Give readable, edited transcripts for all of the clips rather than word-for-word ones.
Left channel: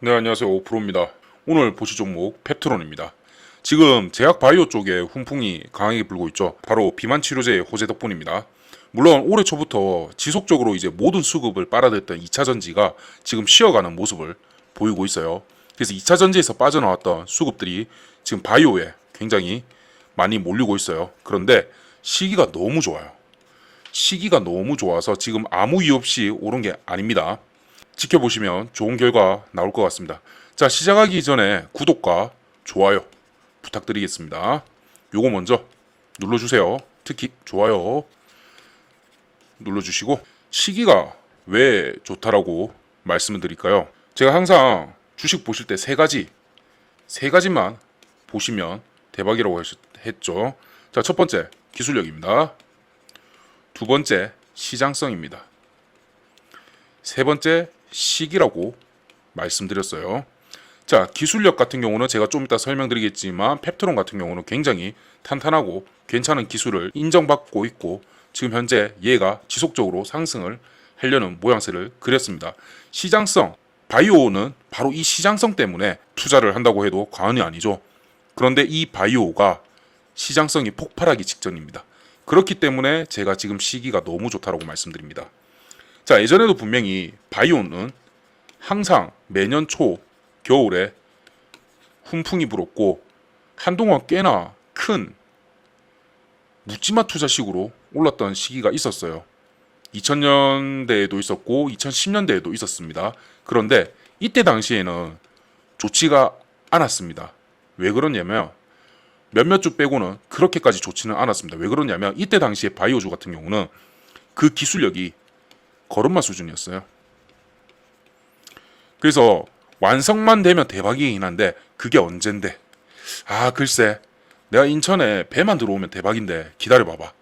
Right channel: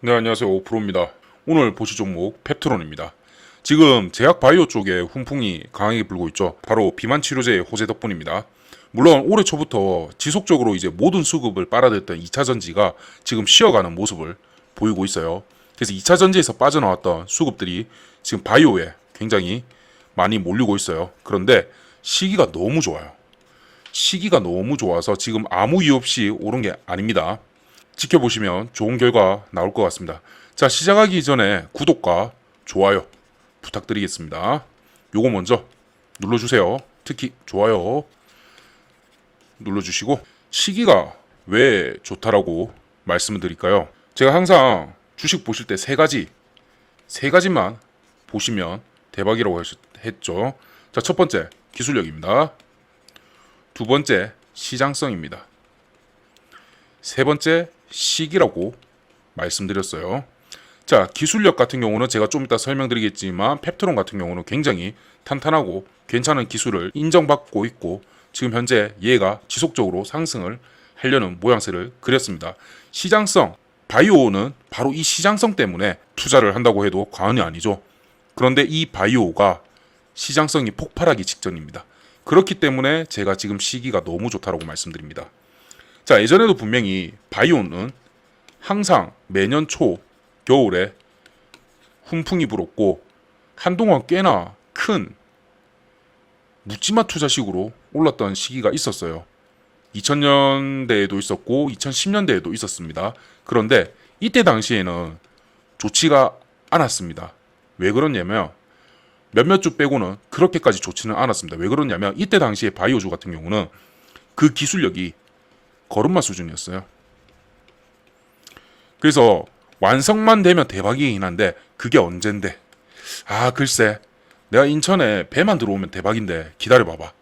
네, 안녕하세요. 오프로입니다. 오늘 보실 종목 펩트론입니다. 지금 제약 바이오 쪽에 훈풍이 강하게 불고 있죠. 바로 비만 치료제의 호재 덕분입니다. 물론 올해 초부터 지속적으로 이제 모든 수급을 빨아들였던 2차 전지가 지금 쉬어가는 모습을 보이고 있어요. 그래서 2차 전지에서 빠져나왔던 수급들이 지금 바이오에 굉장히 많이 몰리고 있어요. 그런데 시기가 너무 좋아요. 시기가 너무 좋아서 지금 아무 이유 없이 오른 게 아닙니다. 지켜보시면 좋은 결과 나올 것 같습니다. 자, 시작하기 전에 구독과 좋아요 부탁드리겠습니다. 요거 먼저 눌러주세요. 특히 좋아요 눌러주시고, 시기가 왜 좋다라고 말씀을 드릴까요? 제가 항상 주식 보실 때 세 가지만 보시면 대박이라고 했죠. 자, 첫 번째 기술력입니다. 두 번째 시장성입니다. 세 번째 시기라고 말씀드렸어요. 자, 기술력 같은 경우는 제가 좀 이따 설명드리겠지만 펩트론 같은 경우는 굉장히 탄탄하고 괜찮은 기술을 인정받고 있고 지금 현재 얘가 지속적으로 상승을 하려는 모양새를 그렸습니다. 시장성, 바이오는 바로 이 시장성 때문에 투자를 한다고 해도 과언이 아니죠. 그런데 이 바이오가 시장성이 폭발하기 직전입니다. 그렇기 때문에 제가 지금 시기가 너무 좋다라고 말씀드립니다. 자, 예전에도 분명히 바이오는 항상 매년 초 겨울에 훈풍이 불었고 한동안 꽤나 큰 묻지마 투자식으로 올랐던 시기가 있었어요. 2000년대에도 있었고 2010년대에도 있었습니다. 그런데 이때 당시에는 좋지가 않았습니다. 왜 그러냐면 몇몇 주 빼고는 그렇게까지 좋지는 않았습니다. 왜 그러냐면 이때 당시에 바이오주 같은 경우는 그 기술력이 걸음마 수준이었어요. 그래서 완성만 되면 대박이긴 한데 그게 언젠데? 아, 글쎄, 내가 인천에 배만 들어오면 대박인데 기다려봐봐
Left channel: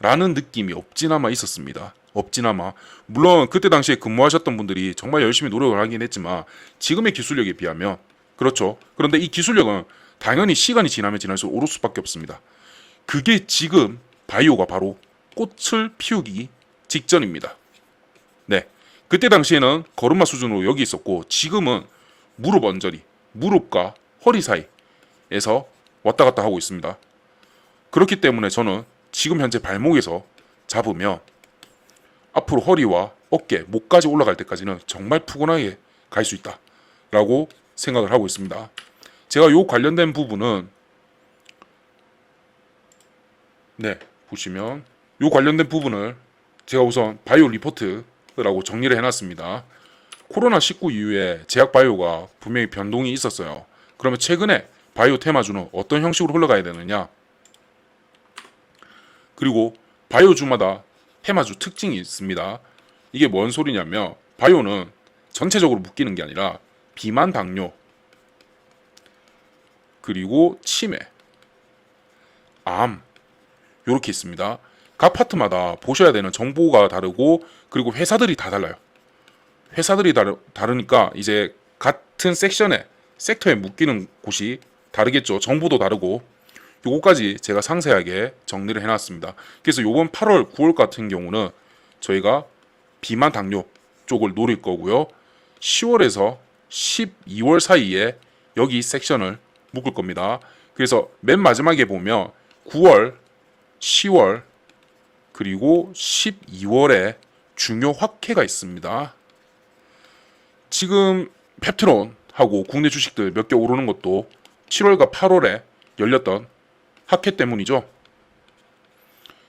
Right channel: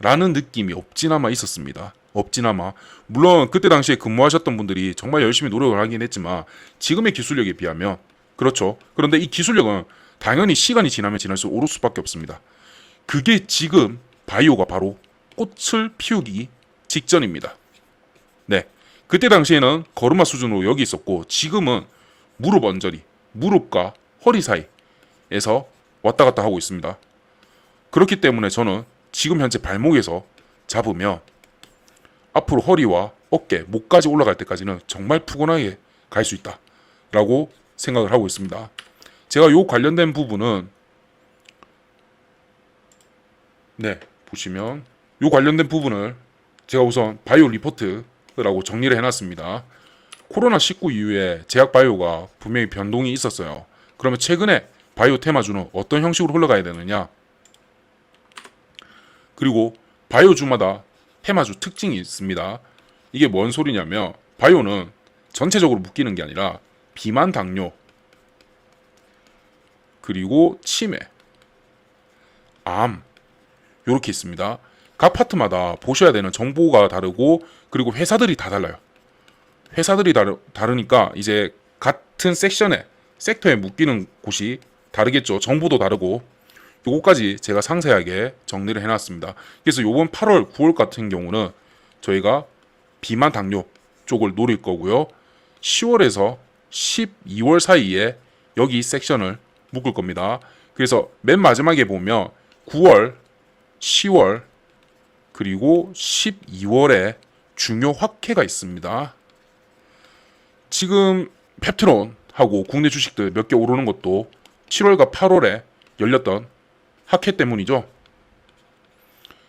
라는 느낌이 없지나마 있었습니다. 없지나마. 물론 그때 당시에 근무하셨던 분들이 정말 열심히 노력을 하긴 했지만 지금의 기술력에 비하면, 그렇죠. 그런데 이 기술력은 당연히 시간이 지나면 지날수록 오를 수밖에 없습니다. 그게 지금 바이오가 바로 꽃을 피우기 직전입니다. 네. 그때 당시에는 걸음마 수준으로 여기 있었고 지금은 무릎 언저리, 무릎과 허리 사이에서 왔다 갔다 하고 있습니다. 그렇기 때문에 저는 지금 현재 발목에서 잡으면 앞으로 허리와 어깨, 목까지 올라갈 때까지는 정말 푸근하게 갈 수 있다 라고 생각을 하고 있습니다. 제가 요 관련된 부분은 보시면 요 관련된 부분을 제가 우선 바이오 리포트라고 정리를 해놨습니다. 코로나19 이후에 제약 바이오가 분명히 변동이 있었어요. 그러면 최근에 바이오 테마주는 어떤 형식으로 흘러가야 되느냐? 그리고 바이오주마다 테마주 특징이 있습니다. 이게 뭔 소리냐면 바이오는 전체적으로 묶이는 게 아니라 비만, 당뇨, 그리고 치매, 암 이렇게 있습니다. 각 파트마다 보셔야 되는 정보가 다르고 그리고 회사들이 다 달라요. 회사들이 다르니까 이제 같은 섹터에 묶이는 곳이 다르겠죠. 정보도 다르고. 요거까지 제가 상세하게 정리를 해놨습니다. 그래서 요번 8월, 9월 같은 경우는 저희가 비만 당뇨 쪽을 노릴 거고요. 10월에서 12월 사이에 여기 섹션을 묶을 겁니다. 그래서 맨 마지막에 보면 9월, 10월, 그리고 12월에 중요 확해가 있습니다. 지금 펩트론하고 국내 주식들 몇 개 오르는 것도 7월과 8월에 열렸던 학회 때문이죠.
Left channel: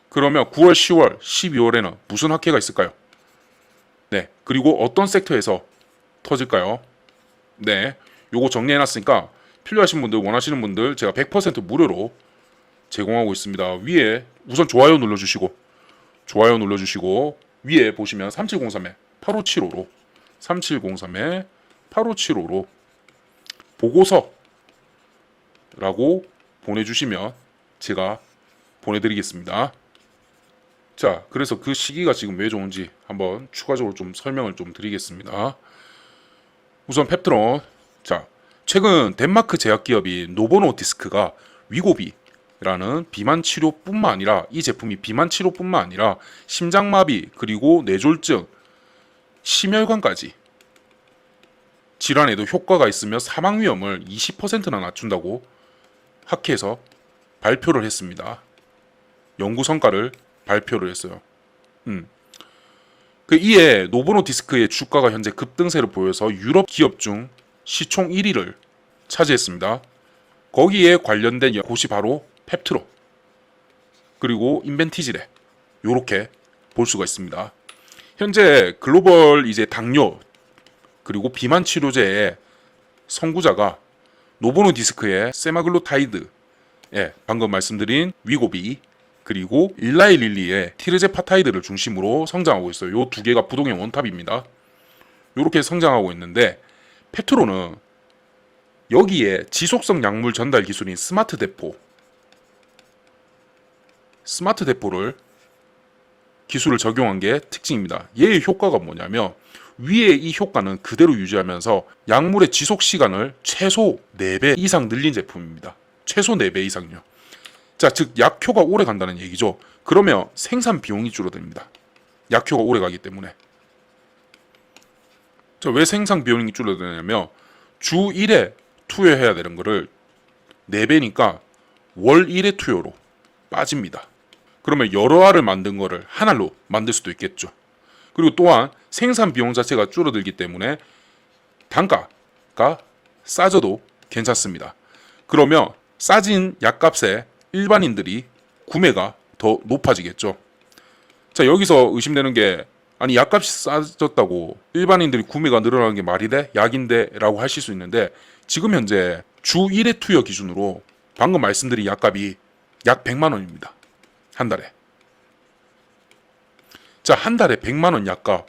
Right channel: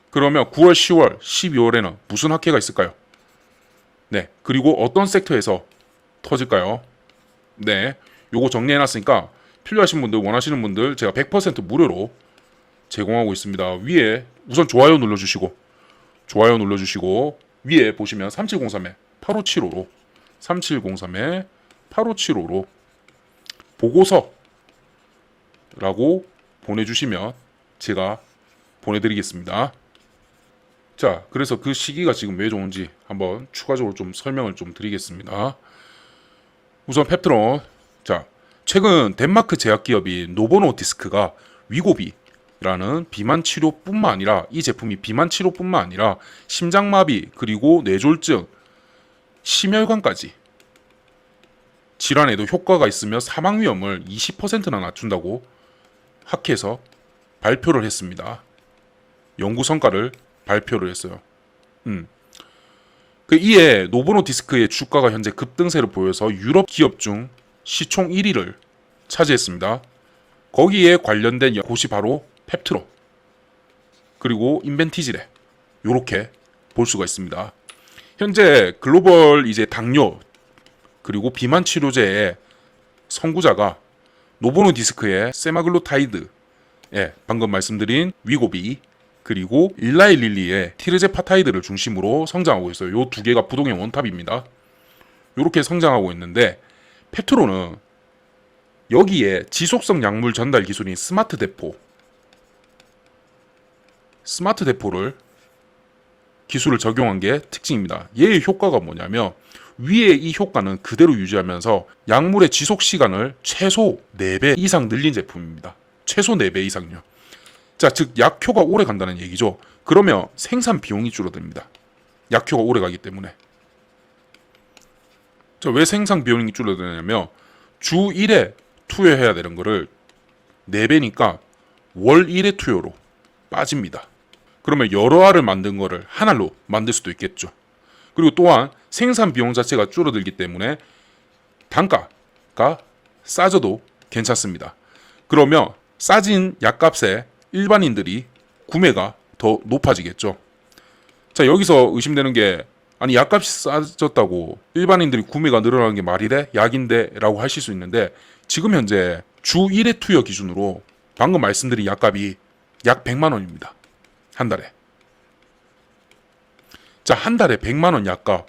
그러면 9월, 10월, 12월에는 무슨 학회가 있을까요? 네, 그리고 어떤 섹터에서 터질까요? 네, 요거 정리해놨으니까 필요하신 분들, 원하시는 분들 제가 100% 무료로 제공하고 있습니다. 위에 우선 좋아요 눌러주시고 위에 보시면 3703에 8575로 3703에 8575로 보고서라고 보내주시면 제가 보내드리겠습니다. 자, 그래서 그 시기가 지금 왜 좋은지 한번 추가적으로 좀 설명을 좀 드리겠습니다. 우선 펩트론. 자, 최근 덴마크 제약기업인 노보노디스크가 위고비라는 비만 치료뿐만 아니라 이 제품이 비만 치료뿐만 아니라 심장마비 그리고 뇌졸중, 심혈관까지 질환에도 효과가 있으며 사망 위험을 20%나 낮춘다고 학회에서 발표를 했습니다. 연구 성과를 발표를 했어요. 이에 노보노디스크의 주가가 현재 급등세를 보여서 유럽 기업 중 시총 1위를 차지했습니다. 거기에 관련된 곳이 바로 펩트로 그리고 인벤티지레 요렇게 볼 수가 있습니다. 현재 글로벌 이제 당뇨 그리고 비만 치료제의 선구자가 노보노디스크의 세마글루타이드, 방금 말씀드린 위고비 그리고 일라이 릴리의 티르제파타이드를 중심으로 성장하고 있어요. 이 두 개가 부동의 원탑입니다. 이렇게 성장하고 있는데 펩트로는 여기에 지속성 약물 전달 기술인 스마트 대포를 기술을 적용한 게 특징입니다. 얘의 효과가 뭐냐면 위에 이 효과는 그대로 유지하면서 약물의 지속 시간을 최소 4배 이상 늘린 제품입니다. 최소 4배 이상요. 자, 즉 약효가 오래 간다는 얘기죠. 그러면 생산 비용이 줄어듭니다. 약효가 오래 가기 때문에. 자, 왜 생산 비용이 줄어드냐면 주 1회 투여해야 되는 거를 4배니까 월 1회 투여로 빠집니다. 그러면 여러 알을 만든 거를 한 알로 만들 수도 있겠죠. 그리고 또한 생산 비용 자체가 줄어들기 때문에 단가가 싸져도 괜찮습니다. 그러면 싸진 약값에 일반인들이 구매가 더 높아지겠죠. 자, 여기서 의심되는 게 아니 약값이 싸졌다고 일반인들이 구매가 늘어나는 게 말이 돼? 약인데? 라고 하실 수 있는데 지금 현재 주 1회 투여 기준으로 방금 말씀드린 약값이 약 100만 원입니다. 한 달에. 자, 한 달에 100만 원 약값.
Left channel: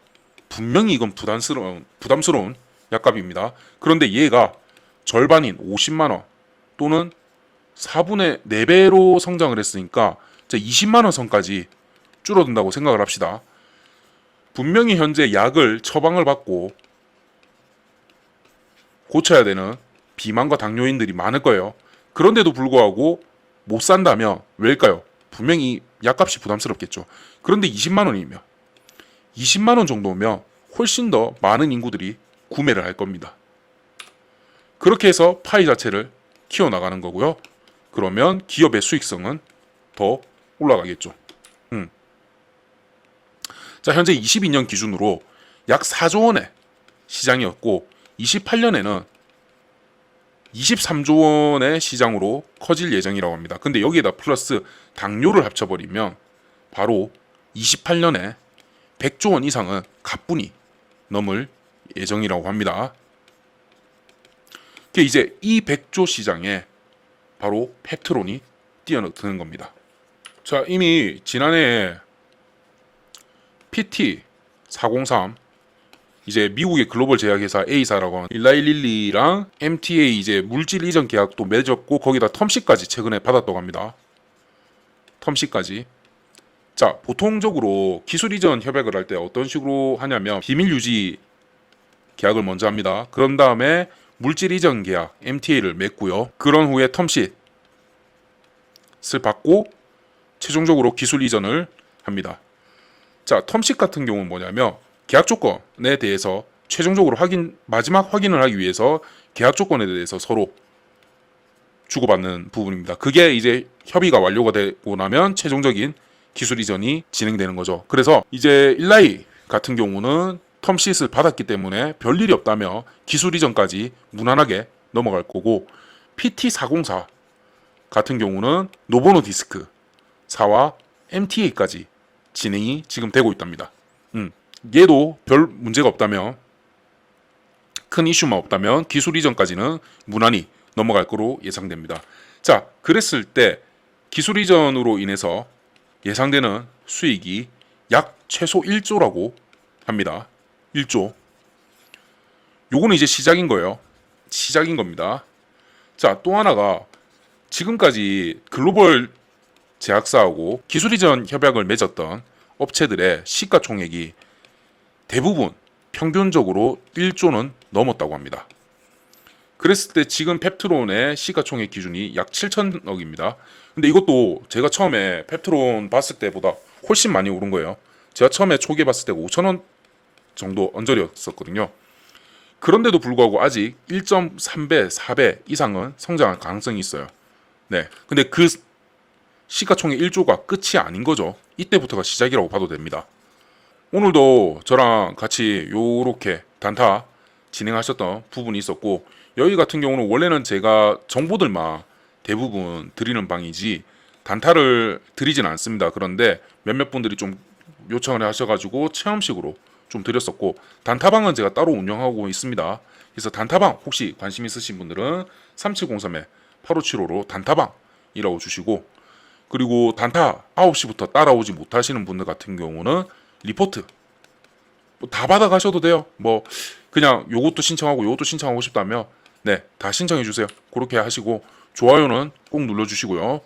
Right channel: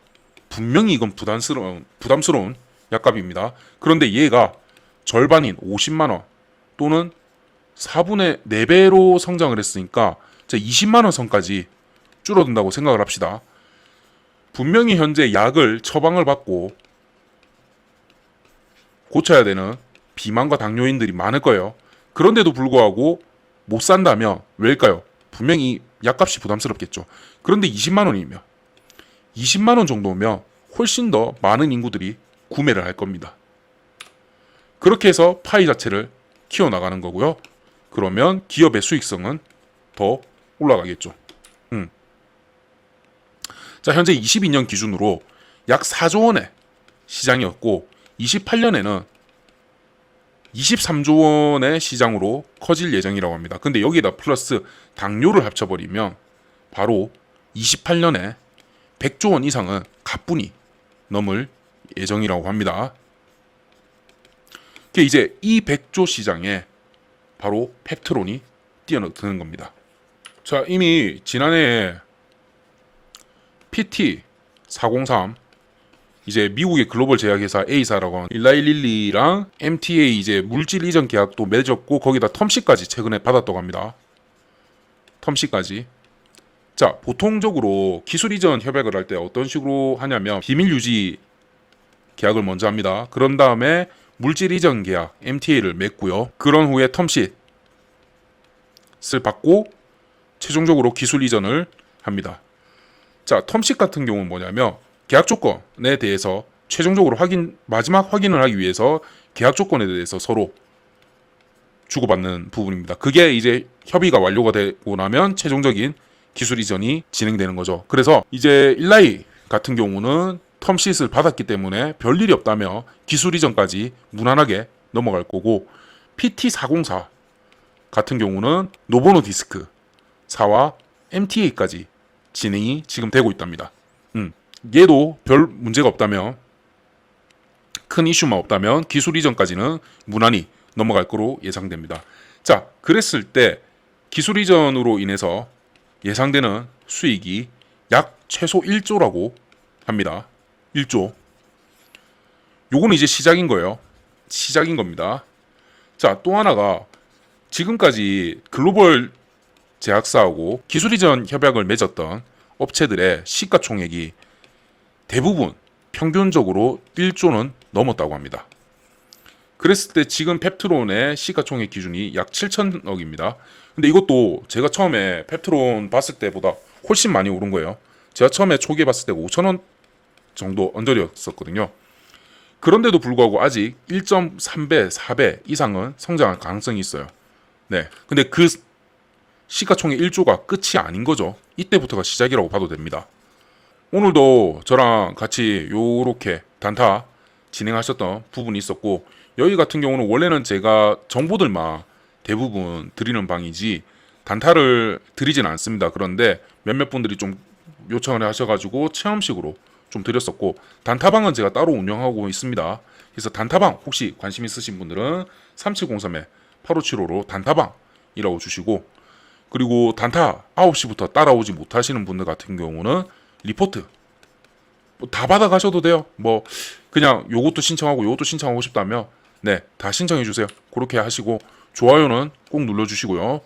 분명히 이건 부담스러운 약값입니다. 그런데 얘가 절반인 50만 원 또는 4분의 4배로 성장을 했으니까 20만 원 선까지 줄어든다고 생각을 합시다. 분명히 현재 약을 처방을 받고 고쳐야 되는 비만과 당뇨인들이 많을 거예요. 그런데도 불구하고 못 산다면 왜일까요? 분명히 약값이 부담스럽겠죠. 그런데 20만 원이면 20만 원 정도면 훨씬 더 많은 인구들이 구매를 할 겁니다. 그렇게 해서 파이 자체를 키워나가는 거고요. 그러면 기업의 수익성은 더 올라가겠죠. 자, 현재 22년 기준으로 약 4조 원의 시장이었고 28년에는 23조 원의 시장으로 커질 예정이라고 합니다. 근데 여기에다 플러스 당뇨를 합쳐버리면 바로 28년에 100조 원 이상은 가뿐히 넘을 예정이라고 합니다. 이제 이 100조 시장에 바로 펩트론이 뛰어드는 겁니다. 자, 이미 지난해 PT403 이제 미국의 글로벌 제약회사 A사라고 하는 일라이 릴리랑 MTA 이제 물질 이전 계약도 맺었고 거기다 텀시까지 최근에 받았다고 합니다. 텀시까지. 자, 보통적으로 기술 이전 협약을 할 때 어떤 식으로 하냐면 비밀 유지 계약을 먼저 합니다. 그런 다음에 물질 이전 계약 MTA를 맺고요. 그런 후에 텀시를 받고 최종적으로 기술 이전을 합니다. 자, 텀시 같은 경우는 뭐냐면 계약 조건에 대해서 최종적으로 마지막 확인을 하기 위해서 계약 조건에 대해서 서로 주고받는 부분입니다. 그게 이제 협의가 완료가 되고 나면 최종적인 기술 이전이 진행되는 거죠. 그래서 이제 일라이 같은 경우는 텀시를 받았기 때문에 별일이 없다며 기술 이전까지 무난하게 넘어갈 거고 PT404 같은 경우는 노보노디스크사와 MTA까지 진행이 지금 되고 있답니다. 얘도 별 문제가 없다면 큰 이슈만 없다면 기술 이전까지는 무난히 넘어갈 거로 예상됩니다. 자, 그랬을 때 기술 이전으로 인해서 예상되는 수익이 약 최소 1조라고 합니다. 1조. 요거는 이제 시작인 거예요. 시작인 겁니다. 자, 또 하나가 지금까지 글로벌 제약사하고 기술 이전 협약을 맺었던 업체들의 시가총액이 대부분 평균적으로 1조는 넘었다고 합니다. 그랬을 때 지금 펩트론의 시가총액 기준이 약 7천억입니다. 근데 이것도 제가 처음에 펩트론 봤을 때보다 훨씬 많이 오른 거예요. 제가 처음에 초기에 봤을 때가 5천원 정도 언저리였었거든요. 그런데도 불구하고 아직 1.3배, 4배 이상은 성장할 가능성이 있어요. 네. 근데 그 시가총액 1조가 끝이 아닌 거죠. 이때부터가 시작이라고 봐도 됩니다. 오늘도 저랑 같이 요렇게 단타 진행하셨던 부분이 있었고, 여기 같은 경우는 원래는 제가 정보들만 대부분 드리는 방이지 단타를 드리진 않습니다. 그런데 몇몇 분들이 좀 요청을 하셔가지고 체험식으로 좀 드렸었고, 단타방은 제가 따로 운영하고 있습니다. 그래서 단타방 혹시 관심 있으신 분들은 3703-8575로 단타방이라고 주시고, 그리고 단타 9시부터 따라오지 못하시는 분들 같은 경우는 리포트 다 받아가셔도 돼요. 뭐 그냥 요것도 신청하고 요것도 신청하고 싶다면 네, 다 신청해 주세요. 그렇게 하시고 좋아요는 꾹 눌러주시고요.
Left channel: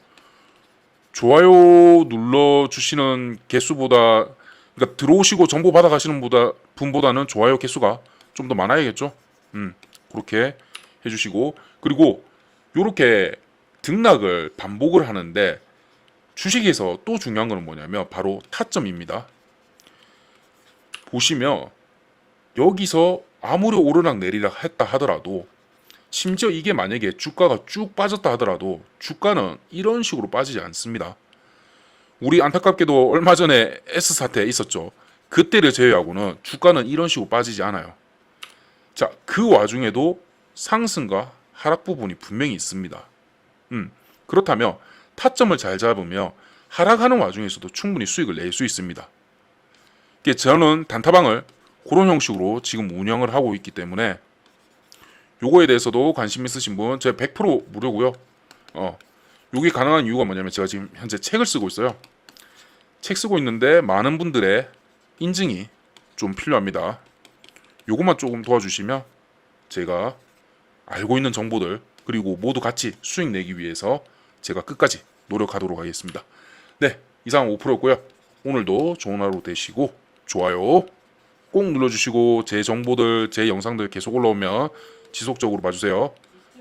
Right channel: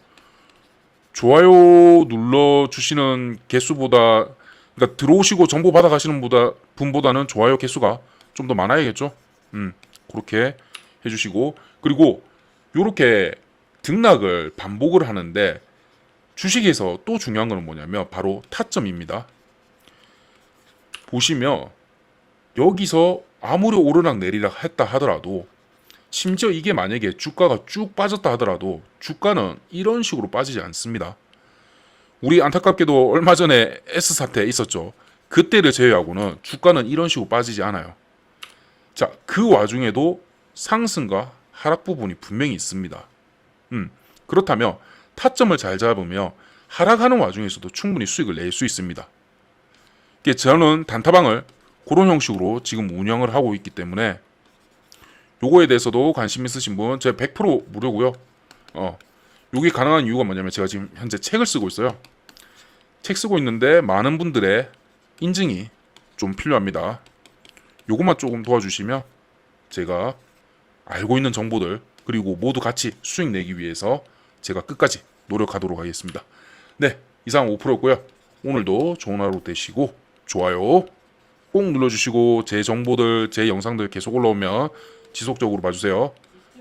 좋아요 눌러주시는 개수보다, 그러니까 들어오시고 정보 받아가시는 분보다는 좋아요 개수가 좀 더 많아야겠죠. 그렇게 해주시고, 그리고 요렇게 등락을 반복을 하는데 주식에서 또 중요한 건 뭐냐면 바로 타점입니다. 보시면 여기서 아무리 오르락 내리락 했다 하더라도, 심지어 이게 만약에 주가가 쭉 빠졌다 하더라도 주가는 이런 식으로 빠지지 않습니다. 우리 안타깝게도 얼마 전에 S사태 있었죠. 그때를 제외하고는 주가는 이런 식으로 빠지지 않아요. 자, 그 와중에도 상승과 하락 부분이 분명히 있습니다. 그렇다면 타점을 잘 잡으며 하락하는 와중에서도 충분히 수익을 낼 수 있습니다. 저는 단타방을 그런 형식으로 지금 운영을 하고 있기 때문에 요거에 대해서도 관심 있으신 분, 제가 100% 무료고요. 여기 가능한 이유가 뭐냐면 제가 지금 현재 책을 쓰고 있어요. 책 쓰고 있는데 많은 분들의 인증이 좀 필요합니다. 요것만 조금 도와주시면 제가 알고 있는 정보들, 그리고 모두 같이 수익 내기 위해서 제가 끝까지 노력하도록 하겠습니다. 네, 이상 5%고요. 오늘도 좋은 하루 되시고 좋아요 꼭 눌러주시고, 제 정보들, 제 영상들 계속 올라오면 지속적으로 봐주세요.